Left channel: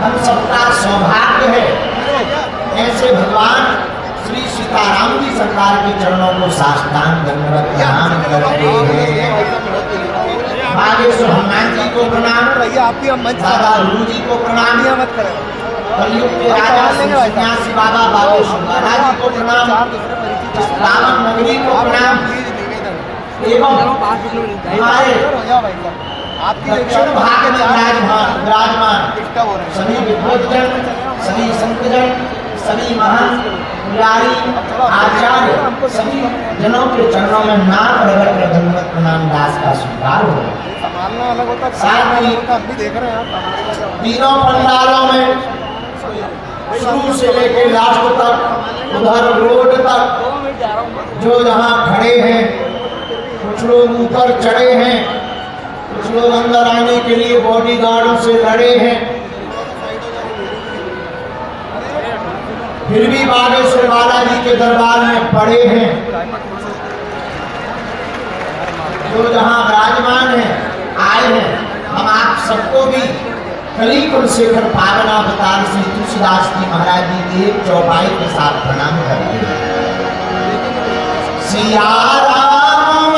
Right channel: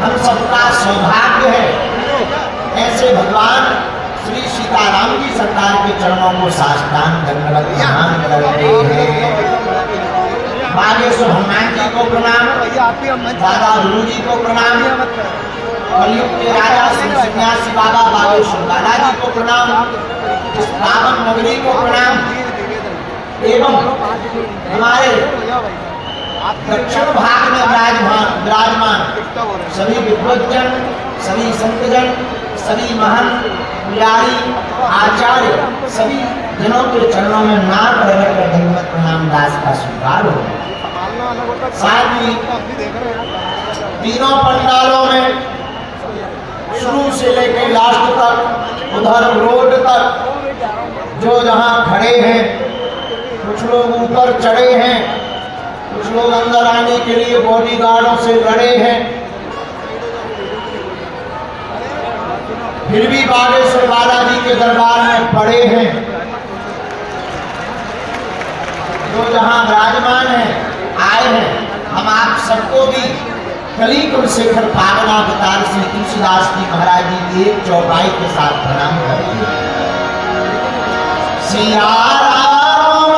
हम सबका सौभाग्य है। ऐसे भगवान श्री सीताराम जी सरकार के चरणों को साष्टांग दंडवत प्रणाम करते हैं। बागेश्वर हनुमान जी को प्रणाम, दादा गुरु जी को प्रणाम, कलयुग के राजा सन्यासी बाबा बागेश्वर महाराज जी को प्रणाम, रावण नगरी को प्रणाम एवं हमारे दक्षिण भाग में विराजमान सभी विद्वज्जन, सभी संतजन, सभी महान पुजारी आचार्य सभी जनों के चरणों में नाम प्रकट कर दंडवत प्रणाम दास का स्वीकार हो। साथ ही तीनों पंडालों में शुरू से लेकर लास्ट तक उधर रोड तक जो जहाँ खड़े हैं, कुछ लोग ऊपर चढ़े हैं, कुछ लोग अंदर आने के लिए बॉडीगार्डों से लड़े हैं, फिर भी बागेश्वर बालाजी के दरबार में पड़े हैं। जो जहाँ विराजमान है, आए हैं, हम आप सबको भी कली कुलशेखर पावन अवतार श्री तुलसीदास जी महाराज जी की एक चौपाई के साथ प्रणाम करते हैं। सिया राम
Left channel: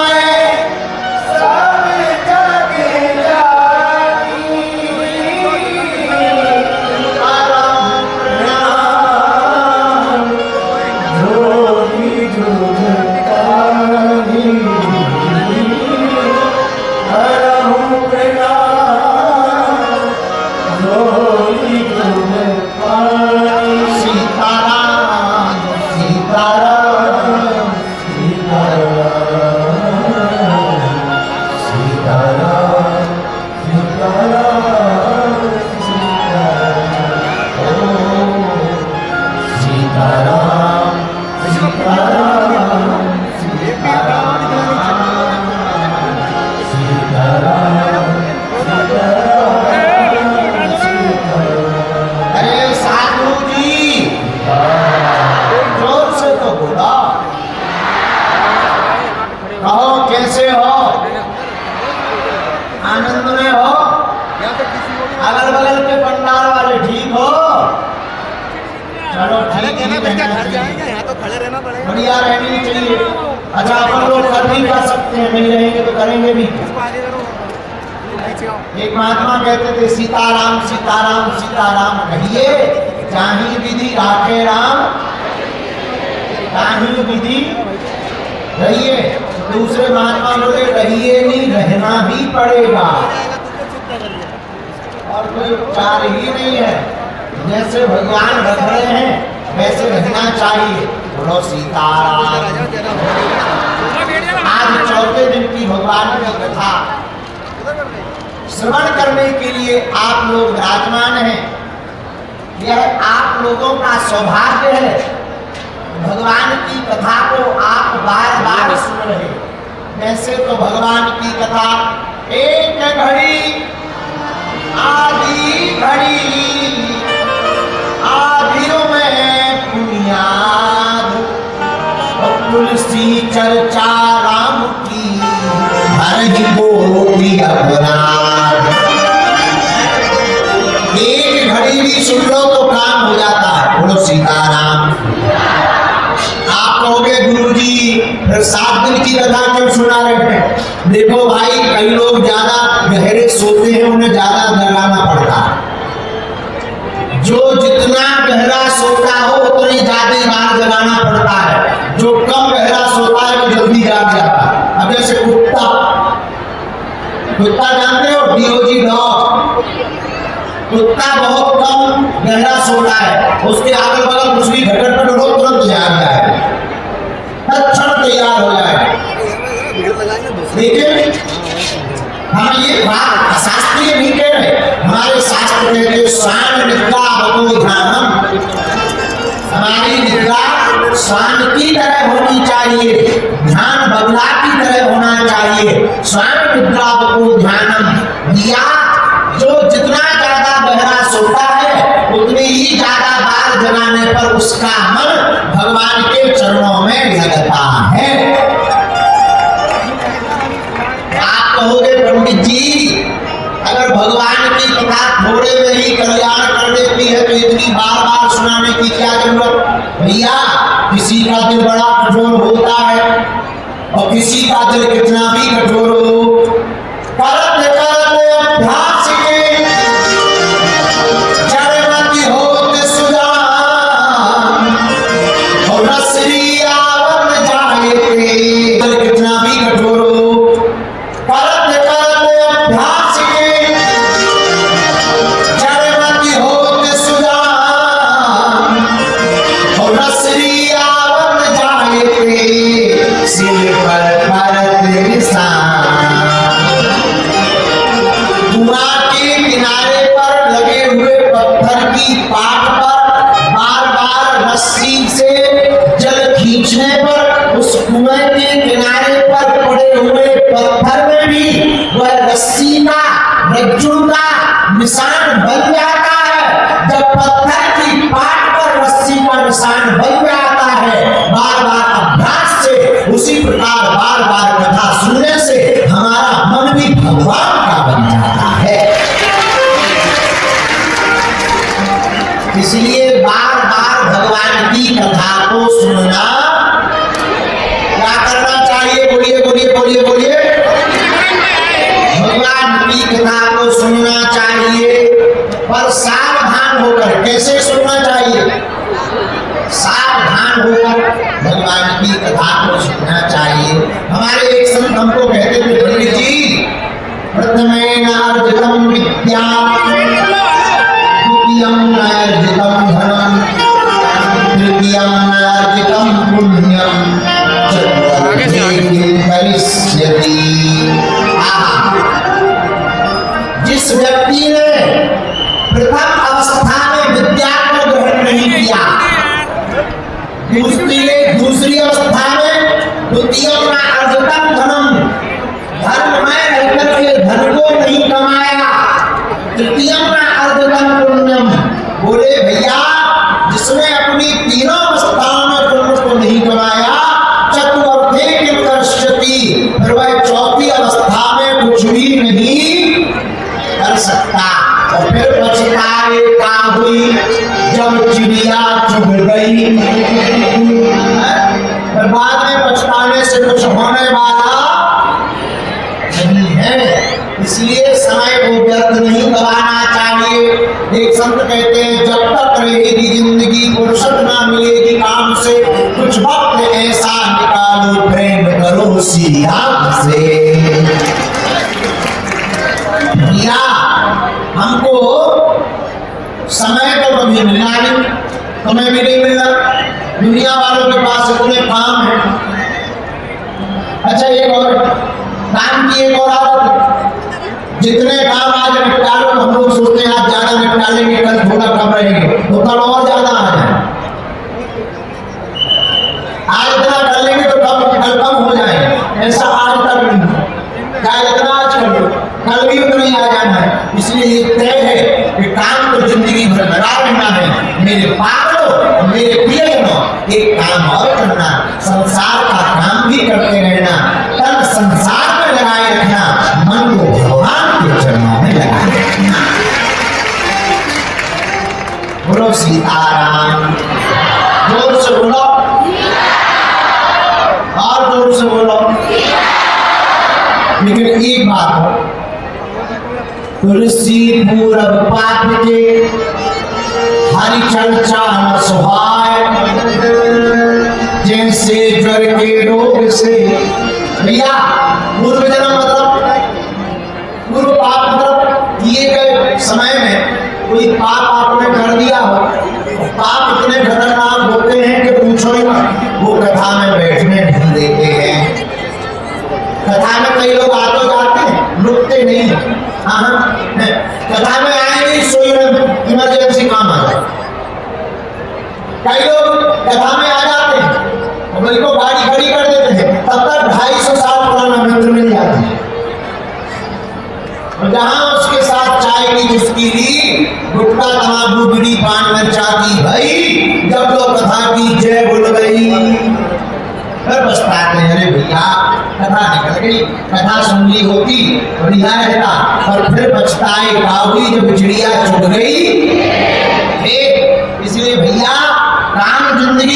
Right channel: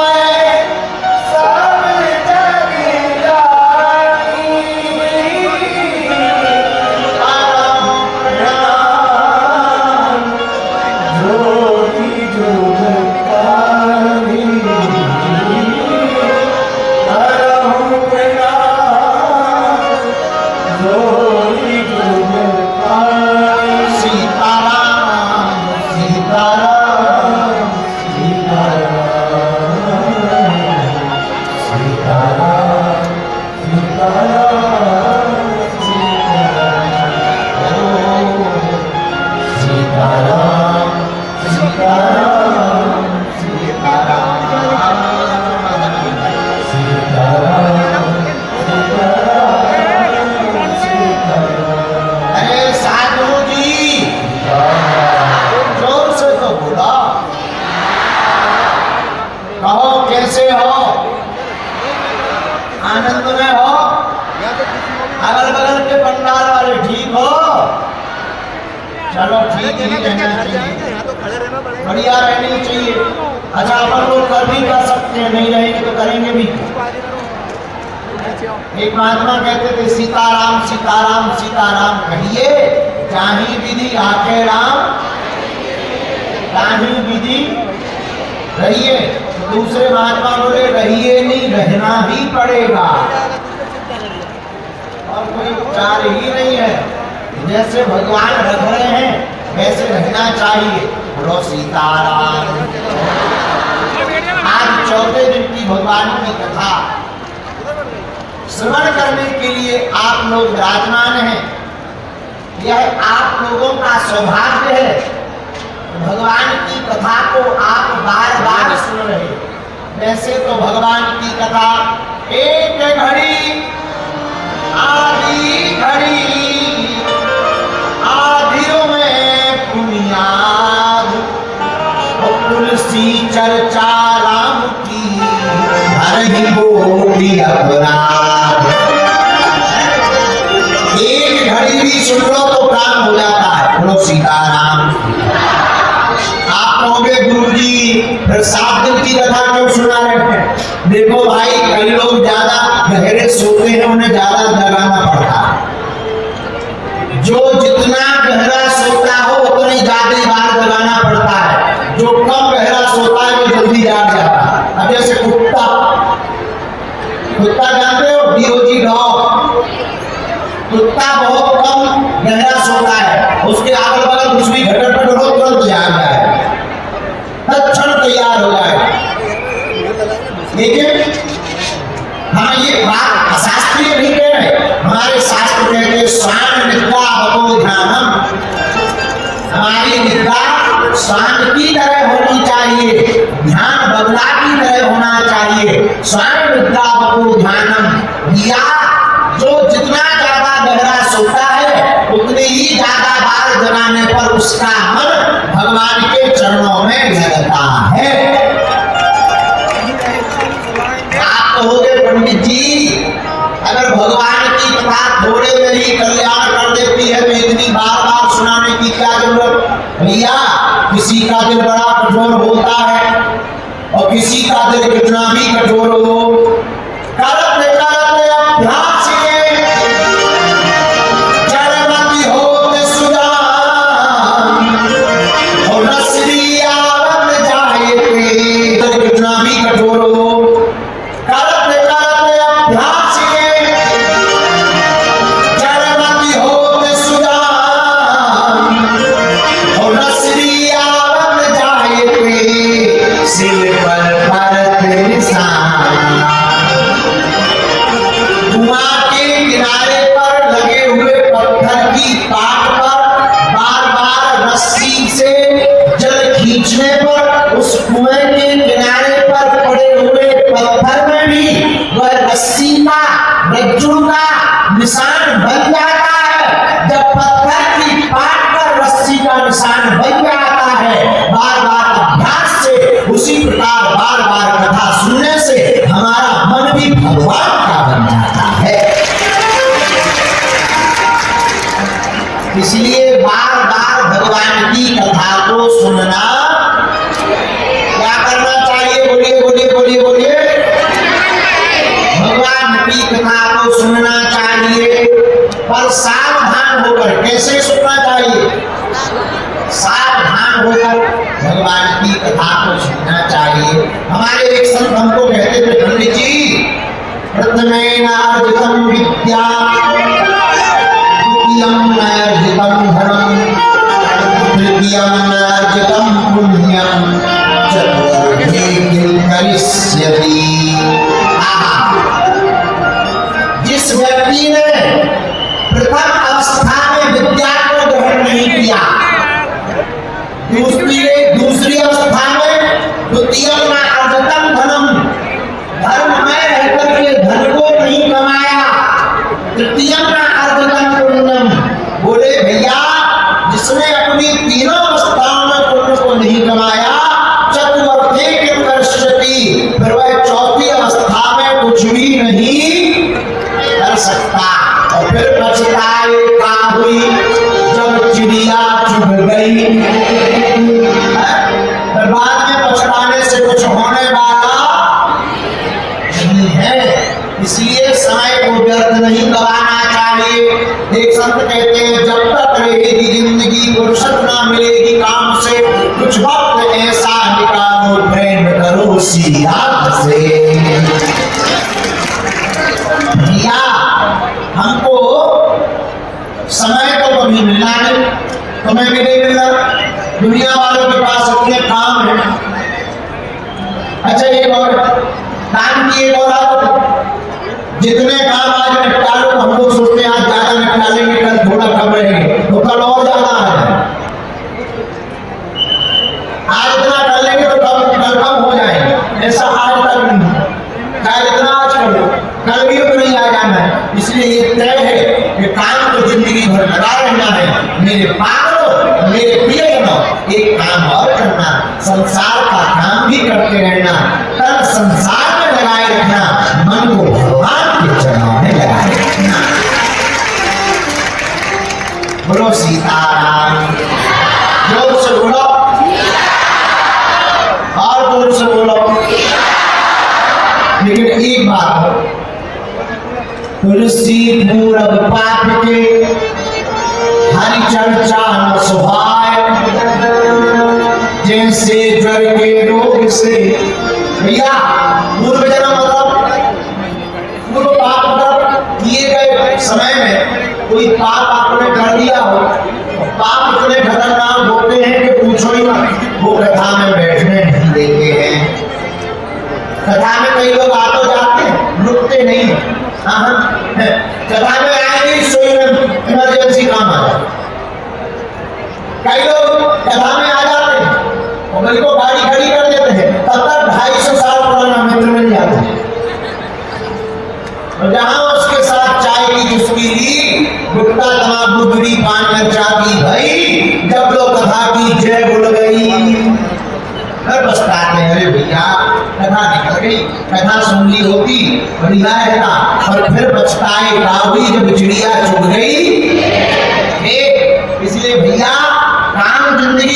सब जग जानी, राम जोगी जुग कानी, राम प्रणाम जोगी जुग कानी। सीताराम सीताराम बढ़िया रहनी चाहिए। अच्छा अपन लोग कर भी कर सकते हैं, नहीं रहेंगे तो करेंगे भी। एक महात्मा कहते थे सीताराम सीताराम सीताराम कहिए, जाही विधि आखे राम, ताही विधि रहिए। दूसरे महात्मा बोले रहिए नहीं, रहना ही पड़ेगा और कोई उपचार ही नहीं है। जैसे भगवान रख रहे हैं वैसे रहना चाहिए। बोलो सीताराम। आज चौथे दिन की भगवान की कथा श्रवण करने के लिए आप लोग विराजमान हैं। यह आप लोगों का सौभाग्य है। भगवान की कथा को आप बार बार सुन रहे। वैसे तो भगवान की कथा एक घड़ी आधी घड़ी आधियों में बुनियाद तुलसी चर्चा राम की हरि बोली अपराध। एक घड़ी भी सुन लो तो काम हो जाता है। बोलो सीताराम। आप कहोगे गुरुजी फिर 7 दिन की कथा क्यों सुना रहे हैं? देखो भाई, कई लोग ज्यादा गहरे सोते हैं, उन्हें ज्यादा जगाना पड़ता है। जो जितना गहरा सोता हो उतनी ज्यादा बार जगाना पड़ता है। जो कम गहरा सोता है वो जल्दी जाग जाता है। अब जैसे कुत्ता जानते हो, डीओजी डॉग, कुत्ता बहुत कम गहरा सोता है, उसके अगल बगल कुछ भी घटन पट हो तुरंत जाग जाए, तत्क्षण तैयार हो जाए। लेकिन हम ये बात शास्त्रीय भी कह रहे, हमारे शास्त्र कहते हैं श्वान निद्रा बतो ध्यानम। हमारी निद्रा श्वान की तरह होनी चाहिए, ध्यान बगला की तरह होना चाहिए। श्वान निद्रा बतो ध्यानम, या जो जितना ज्यादा गहरा सोता है उतनी ही ज्यादा बार जगाने पर उसका मन भगवान के चरणों में लगता है। आप कहोगे पंडित जी, अगर भगवान की कथा थोड़े में ही कल्याण कर सुनाने की क्या जरूरत। भैया किसी का दिल बड़ा कठोर होता है और किसी का दिल कितना भी कठोर हो, करते करते अभ्यास के जड़मती होते सुजान और रसलिया बन जाए दिल कितना भी कठोर हो, करते करते अभ्यास के जड़मती होते सुजान और रसलिया बन जाए सिर पर किनारे पर लगे हुए पत्थर की पाट पर बार बार रस्सी से जल खींचने पर उस कुएं के किनारे पर पड़े हुए पत्थर में भी वह रस्सी का रज्जू का निशान बन जाता है। जब पत्थर की पाट पर रस्सी का निशान बन जाता है, बार बार अभ्यास से उसी प्रकार बार बार कथा सुनने से हमारा मन भी भगवान का बन जाता है। इसलिए बार बार भगवान की कथा को सुनना क्या करना चाहिए? बोलिए बोलिए बोलिए बोलिए। भगवान की कथा को सुनना चाहिए, पर सावधान होकर। कैसे सुनना चाहिए? सावधान होकर भगवान की कथा को सुनना चाहिए। हमारे एक संत हमको कहते थे, पंडित जी प्रथमेनार्जितं विद्याम् द्वितीयमर्जितं धनम् तृतीयमर्जितं पुण्यम् चतुर्थी किं करिष्यति। जिस व्यक्ति ने प्रथम अवस्था में विद्या को ग्रहण नहीं किया, दूसरी अवस्था में द्वितीयमर्जितं धनम्, धर्म में रहकर के धन को नहीं कमाया, तृतीयमर्जितं पुण्यम, बोले भैया जिसने अपनी तीनों अवस्थाओं में पुण्य को नहीं कमाया, चतुर्थी किं करिष्यति, फिर वह चौथी अवस्था में कुछ भी नहीं कर सकता। और फिर पछताए का हुई जब चिड़िया चुग गई। बाद में पछताने से कुछ होने वाला नहीं है। इसलिए समय को व्यर्थ नहीं गवाना चाहिए। एक संत कहते हैं, जब तक रहेगी जिंदगी फुर्सत ना मिलेगी काम से, कुछ वक्त ऐसा निकालो प्रेम करो सीधा से। भैया हमको समय तो कभी मिला नहीं, समय भी नहीं मिला। दुनिया वालों के पास अपने काम है। अच्छा एक और काम की एक और आदत, जितने काम आज निपटा लो हम लोग सोचते हैं आज ज्यादा निपटा लेंगे, कल थोड़ा कम रहेंगे तो कल और ज्यादा आ जाए। आज इतना कर लेंगे तो कल कम हो जाएंगे, ऐसा आज तक नहीं। कल इतना आज कर लो, कल भी उतना ही आ जाना है। इसलिए ये तय है कि काम तो जिंदगी भर लगा रहना है। मेरे पागल मेरे प्रिय एक काम और करना, संसार का काम भी करते रहना, तब संसार में लगाए रखना, मन को भगवान के चरणों में लगाए रखना। बोलो सीताराम, जोर से बोलो और जोर से बोलो। लेकिन एक बात, तुलसी पूरब पाठ के हरि चर्चा सुभाए, जैसे जड़ के रोग से। भैया पूर्व जन्म मतलब पूर्व पाप मतलब किए गए समय में कोई पाप आपने कर दिया हो, पाप इतने खतरनाक होते हैं कि पूछो ही मत। वो कथा में बैठने नहीं देते हैं। कथा में कई लोग आते जाते हैं, रुकते नहीं। कथा में आएंगे सोई में इमरजेंसी काम आ जाए। कई लोग कथा में आ जाते हैं और मेरे को गाड़ी खड़ी कर देते हैं, तब तक 250 साल पुराना मित्र मिल जाता है। और जहां उसके साथ चाय की चुस्की ली, गुटखा तंबाकू बीड़ी पान मिर्चा की भाई, जब लोग कथा की जय बोल गई, फिर पछताते हैं, अरे भैया कथा निकल गई, कथा सुन ली होती बढ़िया रहता। और फिर पछताए का हुई जब चिड़िया चुग गई। इसलिए भैया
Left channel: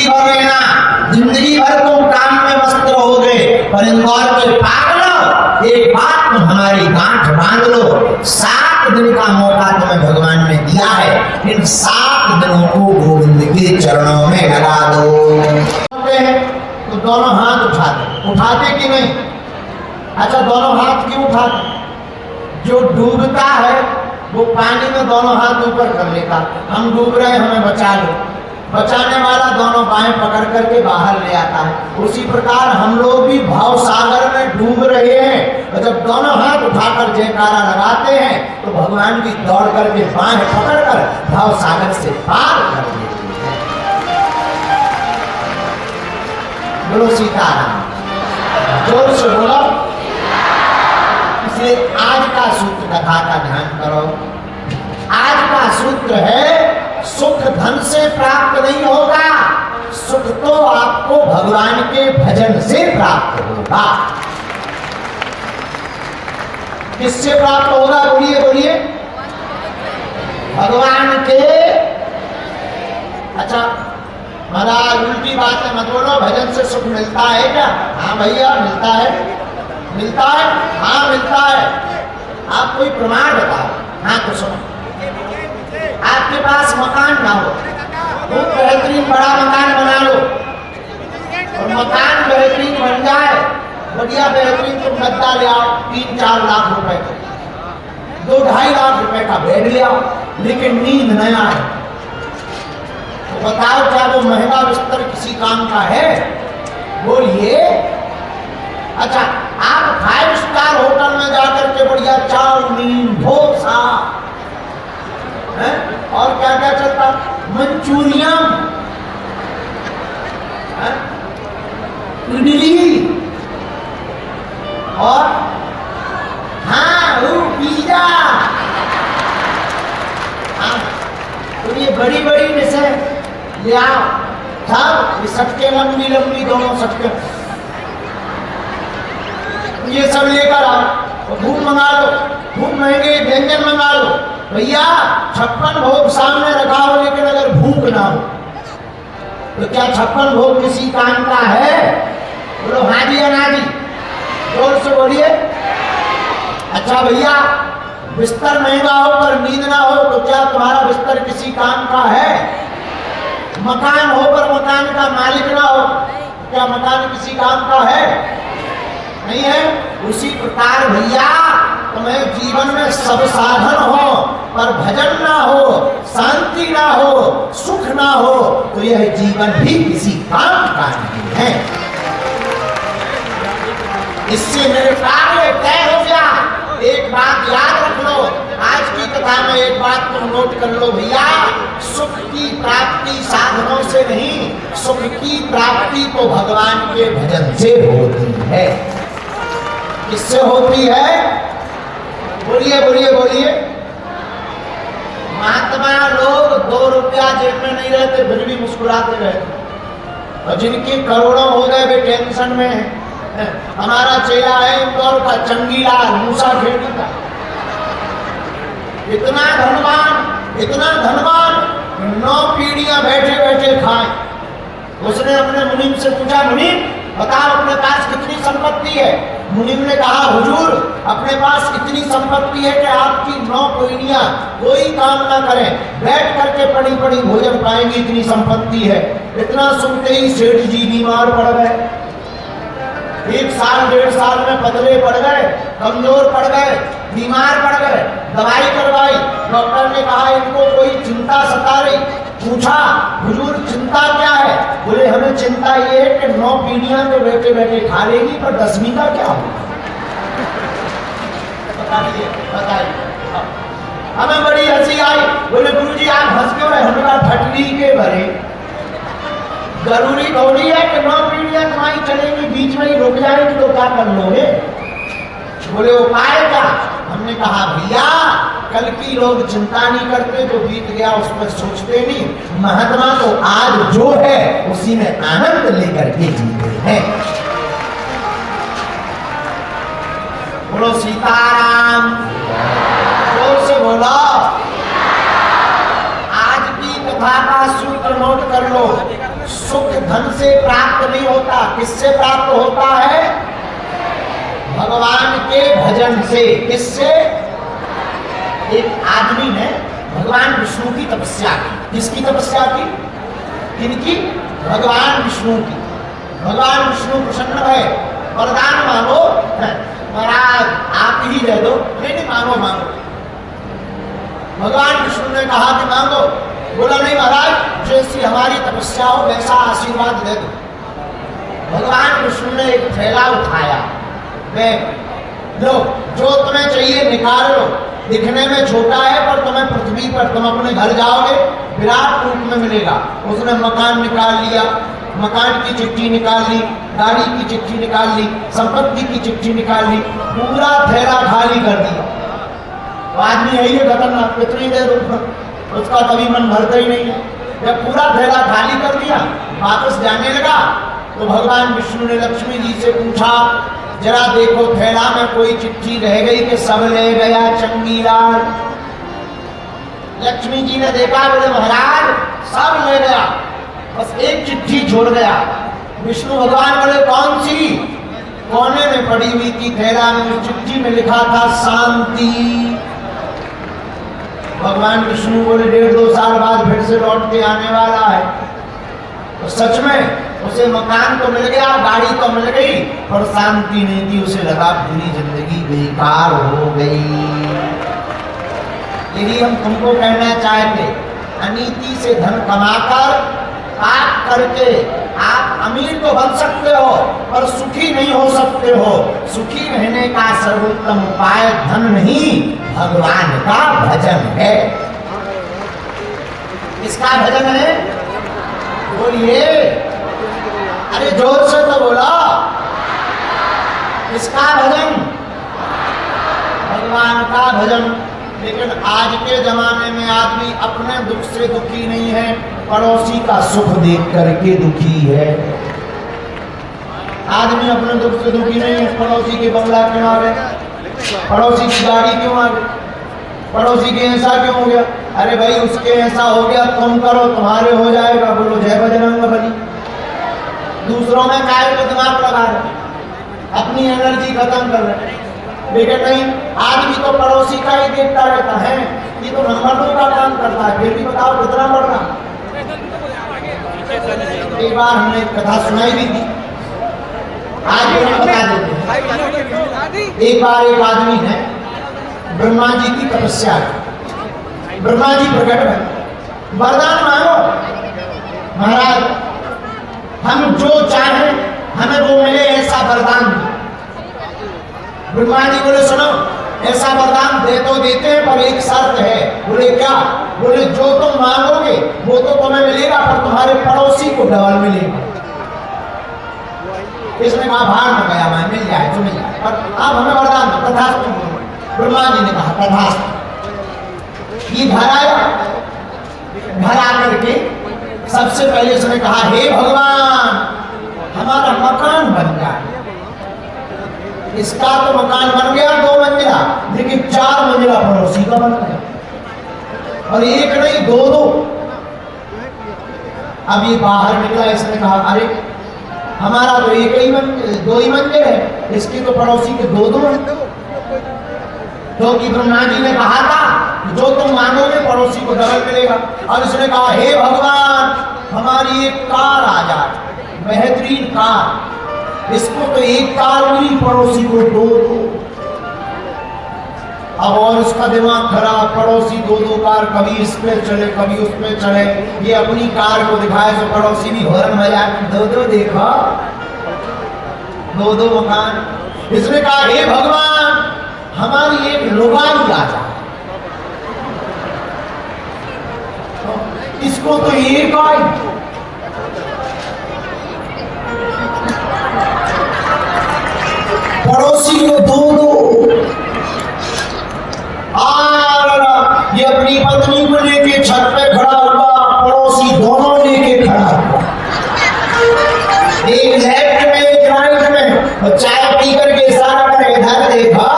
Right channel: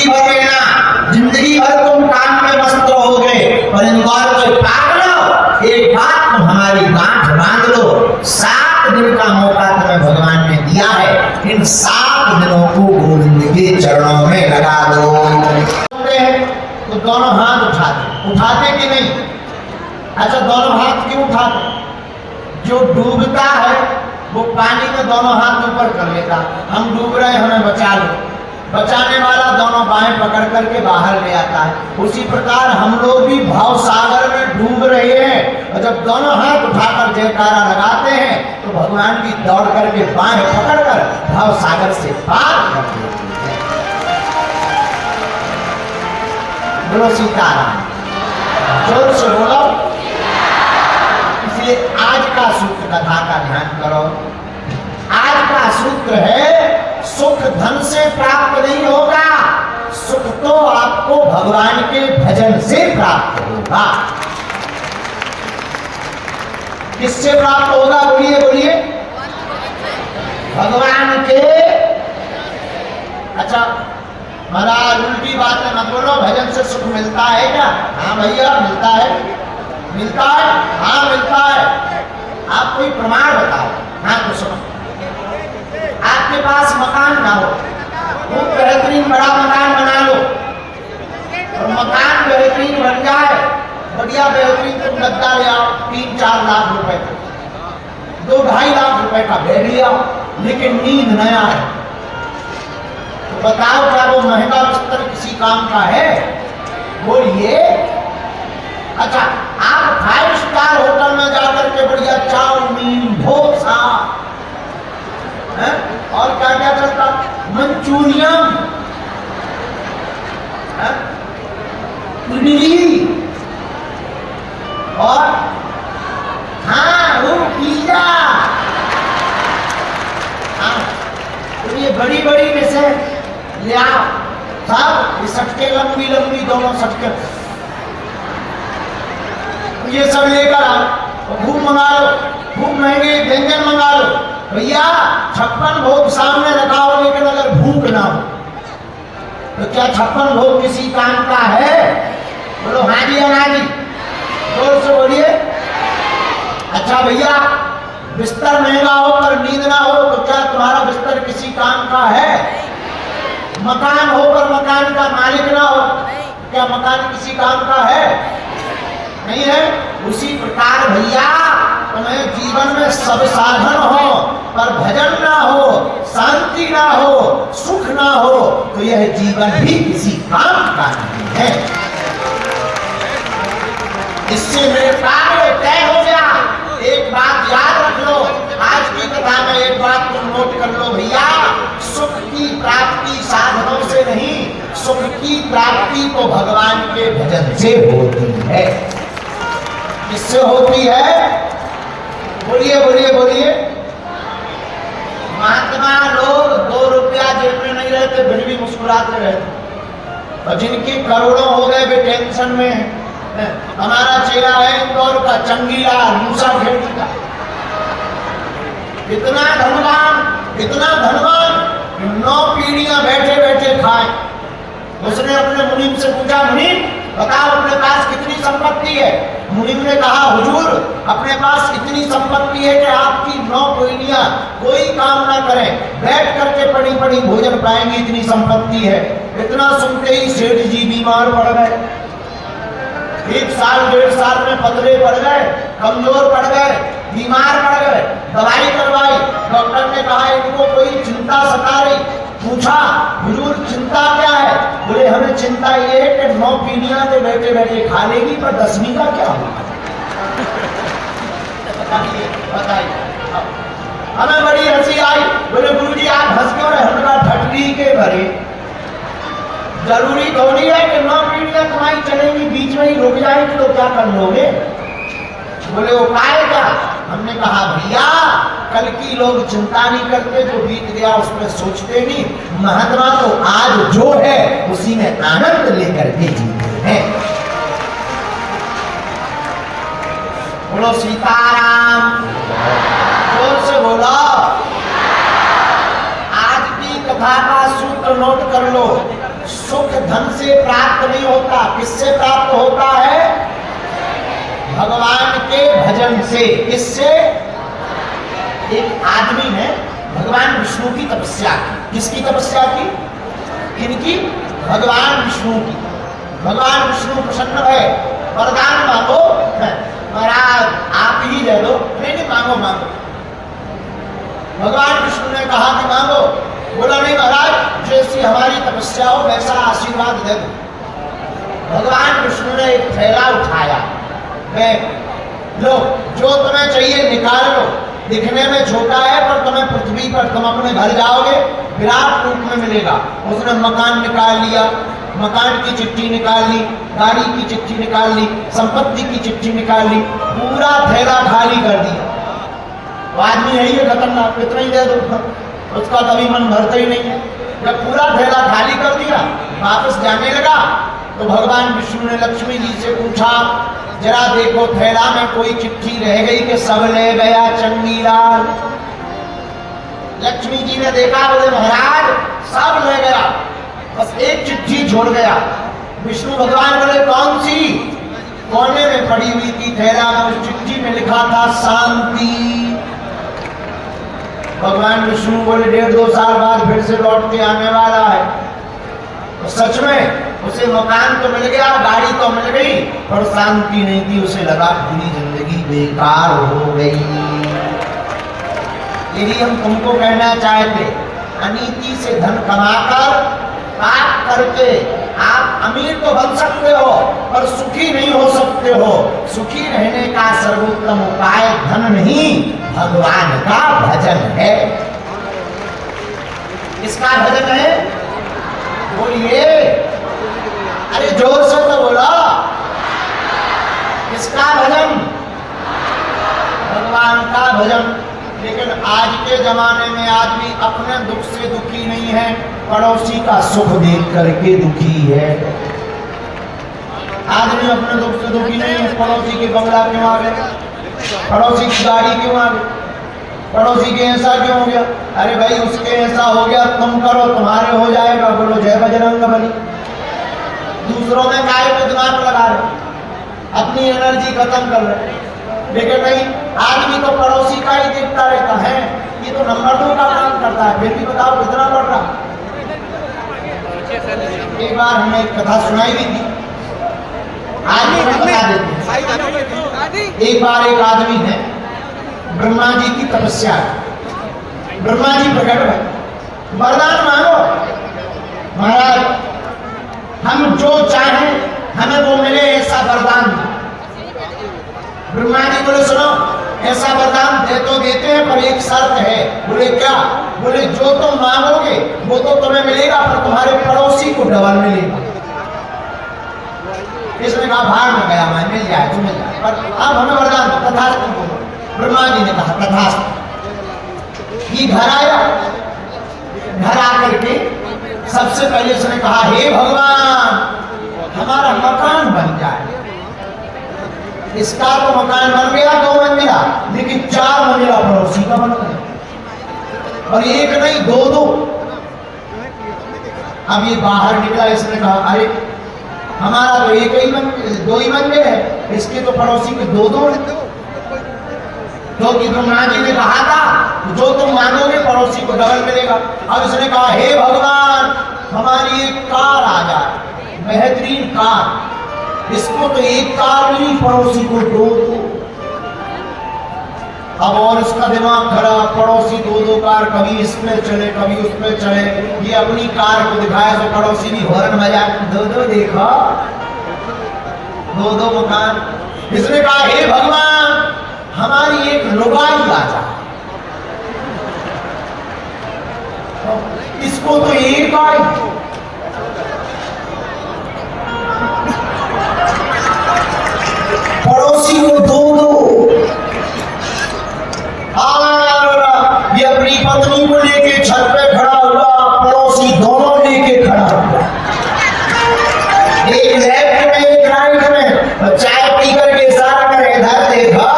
जिंदगी भर रहना, जिंदगी भर तुम काम में मस्त रहोगे, पर इंदौर के पागलों एक बात तुम हमारी गांठ बांध लो, 7 दिन का मौका तुम्हें भगवान ने दिया है, इन 7 दिनों को गोविंद के चरणों में लगा दो। तो दोनों हाथ उठाते कि नहीं? अच्छा, दोनों हाथ क्यों उठाते? जो डूबता है वो पानी में दोनों हाथ ऊपर कर लेता, हम डूब रहे हैं हमें बचा लो, बचाने वाला दोनों बाहें पकड़ करके बाहर ले आता है। उसी प्रकार हम लोग भी भव सागर में डूब रहे हैं, और जब दोनों हाथ उठाकर जयकारा लगाते हैं तो भगवान भी दौड़ करके बाहें पकड़कर भव सागर से पार कर देते हैं। बोलो सीताराम, जोर से बोलो। इसलिए आज का सूत्र कथा का ध्यान करो। आज का सूत्र है, सुख धन से प्राप्त नहीं होगा, सुख तो आपको भगवान के भजन से प्राप्त होगा। किससे प्राप्त होगा? बोलिए बोलिए। भगवान के। अच्छा महाराज उल्टी बात है मत बोलो, भजन से सुख मिलता है क्या? हाँ भैया मिलता है, मिलता है, हाँ मिलता है। आप कोई प्रमाण बताओ। हाँ तो सुनो, आपके पास मकान ना हो, वो बेहतरीन बड़ा मकान बना लो, और मकान बेहतरीन बन जाए, बढ़िया बेहतरीन तुम गद्दा ले आओ, 3-4 लाख रुपए का, 2-2.5 लाख रुपए का बेड ले आओ, लेकिन नींद न आए, तो बताओ क्या वो महंगा बिस्तर किसी काम का है? बोलिए। अच्छा, आप 5 स्टार होटल में जाकर के बढ़िया चाउमीन, डोसा और क्या क्या चलता, मंचूरियन, इडली और हाँ वो पिज्जा, तो ये बड़ी बड़ी में से ले आओ सब, ये सटके लंबी लंबी दोनों सटके, ये सब लेकर आओ, भूख मंगा लो, भूख महंगे व्यंजन मंगा लो। भैया 56 भोग सामने रखा हो, लेकिन अगर भूख ना हो तो क्या 56 भोग किसी काम का है? बोलो हाँ जी ना जी, जोर से बोलिए। अच्छा भैया बिस्तर महंगा हो पर नींद ना हो तो क्या तुम्हारा बिस्तर किसी काम का है? मकान हो पर मकान का मालिक ना हो, क्या मकान किसी काम का है? नहीं है। उसी प्रकार भैया तुम्हें जीवन में सब साधन हो पर भजन ना हो, शांति ना हो, सुख ना हो, तो यह जीवन भी किसी काम का नहीं है। इससे मेरे कार्य तय हो गया। एक बात याद रख लो, आज की कथा में एक बात तुम नोट कर लो भैया, सुख की प्राप्ति साधनों से नहीं, सुख की प्राप्ति तो भगवान के भजन से होती है। किससे होती है? बोलिए बोलिए बोलिए। महात्मा लोग 2 रुपया जेब में नहीं रहते फिर भी मुस्कुराते रहते, और जिनके करोड़ों हो गए वे टेंशन में है। हमारा चेहरा है इंदौर का चंगीला मूसा खेती का, इतना धनवान, इतना धनवान, 9 पीढ़ियां बैठे बैठे खाए। उसने अपने मुनीम से पूछा, मुनीम बताओ अपने पास कितनी संपत्ति है? मुनीम ने कहा, हुजूर अपने पास इतनी संपत्ति है कि आपकी 9 पीढ़ियां कोई काम ना करें, बैठ करके पड़ी पड़ी भोजन पाएंगी, इतनी संपत्ति है। इतना सुनते ही सेठ जी बीमार पड़ गए। 1 साल 1.5 साल में पतले पड़ गए, कमजोर पड़ गए, बीमार पड़ गए, दवाई करवाई, डॉक्टर ने कहा इनको कोई चिंता सता रही। पूछा, हुजूर चिंता क्या है? बोले हमें चिंता ये है कि 9 पीढ़ियां तो बैठे बैठे खा लेगी, पर 10वीं का क्या होगा? बताइए। हमें बड़ी हंसी आई। बोले गुरुजी आप हंस के और हमरा ठटली के भरे, जरूरी थोड़ी है कि 9 पीढ़ियां कमाई चलेंगी, बीच में ही रुक जाएंगी तो क्या कर लोगे? बोले उपाय क्या? हमने कहा भैया कल की लोग चिंता नहीं करते, जो बीत गया उसमें सोचते नहीं, महात्मा तो आज जो है उसी में आनंद लेकर के जीते हैं। बोलो सीताराम, जोर से बोलो। आज की कथा का सूत्र नोट कर लो, सुख इससे प्राप्त नहीं होता। किससे प्राप्त होता है? भगवान के भजन से। किससे? एक आदमी ने भगवान विष्णु की तपस्या की। किसकी तपस्या की? किनकी? भगवान विष्णु की। भगवान विष्णु प्रसन्न है, वरदान मांगो। महाराज आप ही दे दो। नहीं मांगो मांगो। भगवान विष्णु ने कहा कि मांगो। बोला नहीं महाराज, जैसी हमारी तपस्या हो वैसा आशीर्वाद दे दो। भगवान विष्णु ने एक थैला उठाया, लो जो तुम्हें चाहिए निकाल लो। दिखने में छोटा है पर तुम्हें पृथ्वी पर तुम अपने घर जाओगे विराट रूप में मिलेगा। उसने मकान निकाल लिया, मकान की चिट्ठी निकाल ली, गाड़ी की चिट्ठी निकाल ली, संपत्ति की चिट्ठी निकाल ली, पूरा थैला खाली कर दिया। आदमी यही है खतरनाक, इतना ही दे दो, उसका कभी मन भरता ही नहीं है। जब पूरा थैला खाली कर दिया, वापस जाने लगा तो भगवान विष्णु ने लक्ष्मी जी से पूछा, जरा देखो थैला में कोई चिट्ठी रह गई कि सब ले गया चंगीलाल? लक्ष्मी जी ने देखा, बोले महाराज सब ले गया, बस एक चिट्ठी छोड़ गया। विष्णु भगवान बोले कौन सी? कोने में पड़ी हुई थी थैला में, उस चिट्ठी में लिखा था शांति। भगवान विष्णु बोले 1.5-2 साल बाद फिर से लौट के आने वाला है। तो सच में उसे मकान तो मिल गया, गाड़ी तो मिल गई, पर शांति नहीं थी। उसे लगा पूरी जिंदगी बेकार हो गई। यही हम तुमको कहना चाहते, अनीति से धन कमाकर पाप करके आप अमीर तो बन सकते हो पर सुखी नहीं हो सकते हो। सुखी रहने का सर्वोत्तम उपाय धन नहीं, भगवान का भजन है। इसका भजन है, बोलिए, अरे जोर से तो बोला। किसका भजन? भगवान का भजन। लेकिन आज के जमाने में आदमी अपने दुख से दुखी नहीं है, पड़ोसी का सुख देख करके दुखी है। आदमी अपने दुख से दुखी नहीं है, पड़ोसी की बंगला क्यों आ गया, पड़ोसी की गाड़ी क्यों आ गई, पड़ोसी के ऐसा क्यों हो गया। अरे भाई उसके ऐसा हो गया, तुम करो तुम्हारे हो जाएगा। बोलो जय बजरंगबली। दूसरों में काय को दिमाग लगा रहे, अपनी एनर्जी खत्म कर रहे। लेकिन नहीं, आदमी तो पड़ोसी का ही देखता रहता है, ये तो नंबर 2 का काम करता है, फिर भी बताओ कितना बढ़ रहा। एक बार हमने कथा सुनाई भी थी, आज भी हम बता देते हैं। एक बार एक आदमी है, ब्रह्मा जी की तपस्या, ब्रह्मा जी प्रकट है, वरदान मांगो महाराज, हम जो चाहें हमें वो मिले, ऐसा वरदान। ब्रह्मा जी बोले सुनो, ऐसा वरदान दे तो देते हैं पर एक शर्त है। बोले क्या? बोले जो तुम मांगोगे वो तो तुम्हें मिलेगा पर तुम्हारे पड़ोसी को डबल मिलेगा। इसने कहा भाग में गया, मैं मिल जाए तुम्हें, पर अब हमें वरदान तथास्तु। ब्रह्मा जी ने कहा तथास्तु। ये घर आया, घर आकर के सबसे पहले उसने कहा हे भगवान हमारा मकान बन जाए। इसका तो मकान बन गया 2 मंजिला, लेकिन 4 मंजिला पड़ोसी का बन गया, और एक नहीं 2-2। अब ये बाहर निकला, इसने कहा अरे हमारा तो 2 ही मंजिल है, इसके तो पड़ोसी के 2-2 हैं। क्योंकि ब्रह्मा जी ने कहा था जो तुम मांगोगे पड़ोसी को डबल मिलेगा। अब उसने कहा हे भगवान हमारी एक कार आ जाए, बेहतरीन कार, इसको तो एक कार मिली, पड़ोसी को 2-2। अब और उसका दिमाग खराब, पड़ोसी 2-2 कार, कभी इसमें चले कभी उसमें चले। ये अपनी कार को दिखाया तो पड़ोसी भी हॉर्न बजा, 2-2 देखा, 2-2 मकान। इसने कहा हे भगवान हमारी एक लुगाई आ जाए, इसको तो एक आई, पड़ोसी को 2-2। और ये अपनी पत्नी को लेके छत पे खड़ा हुआ, पड़ोसी दोनों लेके खड़ा हुआ, एक लेफ्ट में एक राइट में, चाय पी करके इशारा करे इधर देखा।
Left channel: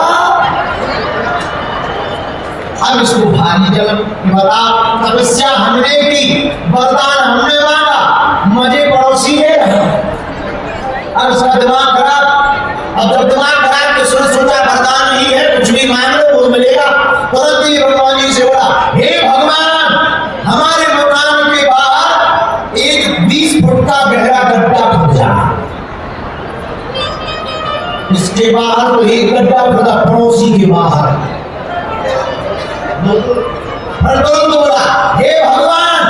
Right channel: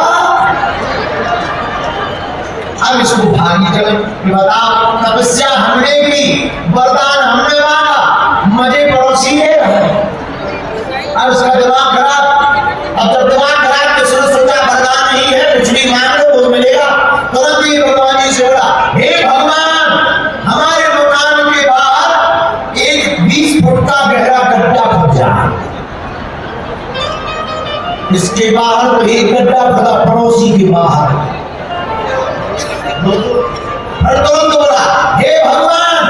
अब इसको भागी चले, बताओ तपस्या हमने की, वरदान हमने मांगा, मजे पड़ोसी है। इसके बाहर तो एक गड्ढा पड़ा पड़ोसी के बाहर। तो बोला, हे भगवान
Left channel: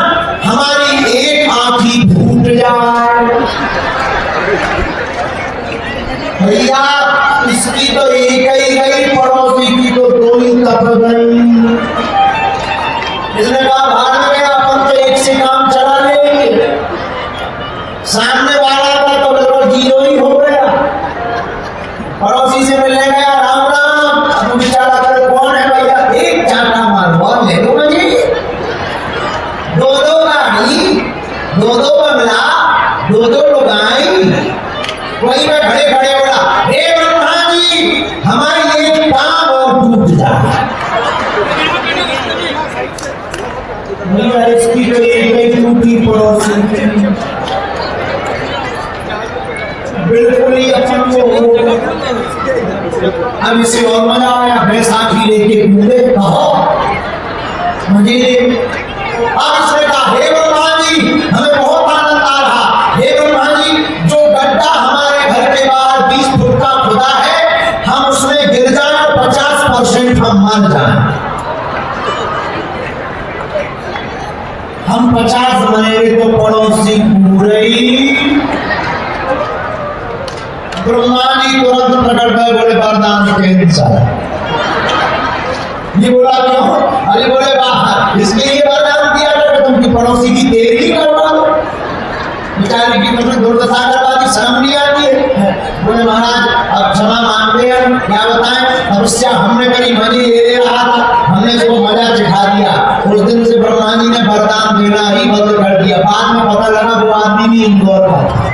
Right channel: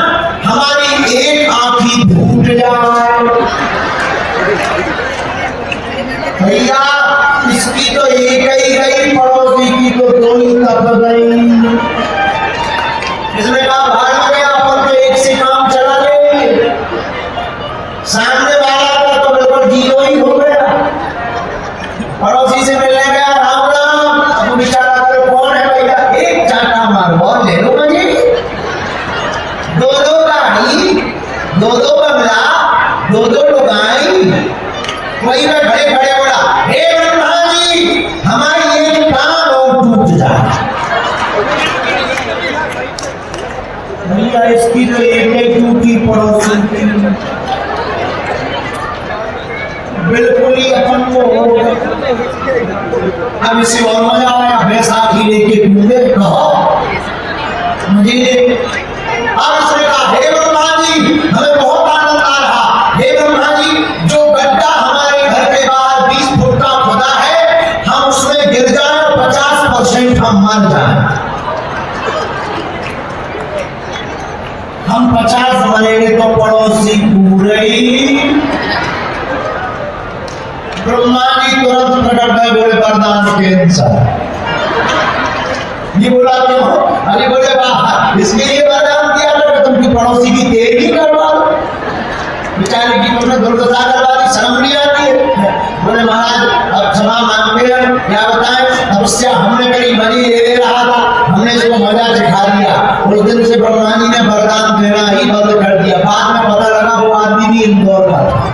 हमारी एक आंखी फूट जाए। भैया इसकी तो एक ही गई, पड़ोसी की तो दो ही तब गई। इसने कहा भाग गया, अपन तो एक से काम चला लेंगे। सामने वाला का तो बिल्कुल जीरो ही हो गया। पड़ोसी से मिलने गया, राम राम। अब बेचारा करे कौन है भैया, एक चाटा मार बहुत ले लो मुझे। दो दो गाड़ी, दो दो बंगला, दो दो लुगाई। वही में खड़े खड़े बोला, हे ब्रह्मा जी हमारी एक टांग और टूट जाए। इसकी तो एक टूटी पड़ोसी बिल्कुल ही अपन को हो। अब इसे और मजा आया, बैसाखी लेके घूमे कहो मुझे। अब इसने कहा, हे ब्रह्मा जी हमें बहुत आनंद आ रहा। हे ब्रह्मा जी जो गड्ढा हमारे घर के बाहर 20 फुट का खुदा है, हम उसमें गिर जाए 50% हम मर जाए। हम 50 मरेंगे तो पड़ोसी पूरे ही। ब्रह्मा जी तुरंत प्रकट गए, बोले वरदान कैंसर। ये बोला क्यों? अरे बोले बाहर इसके लिए वरदान दिया तो तुमकी पड़ोसी की देर ही कर डालो। बेचारे की तुमने दुर्दशा करवा दी, शर्म नहीं आती है। बोले महाराज अब क्षमा मांगते हैं, क्या बताएं तपस्या हमने करी, मनी ले रहा था, हमने इसको मजा सिखा दिया। उस दिन से ब्रह्मा जी ने वरदान देना ही बंद कर दिया। बाद में पता लगा वो आदमी भी इंदौर का था।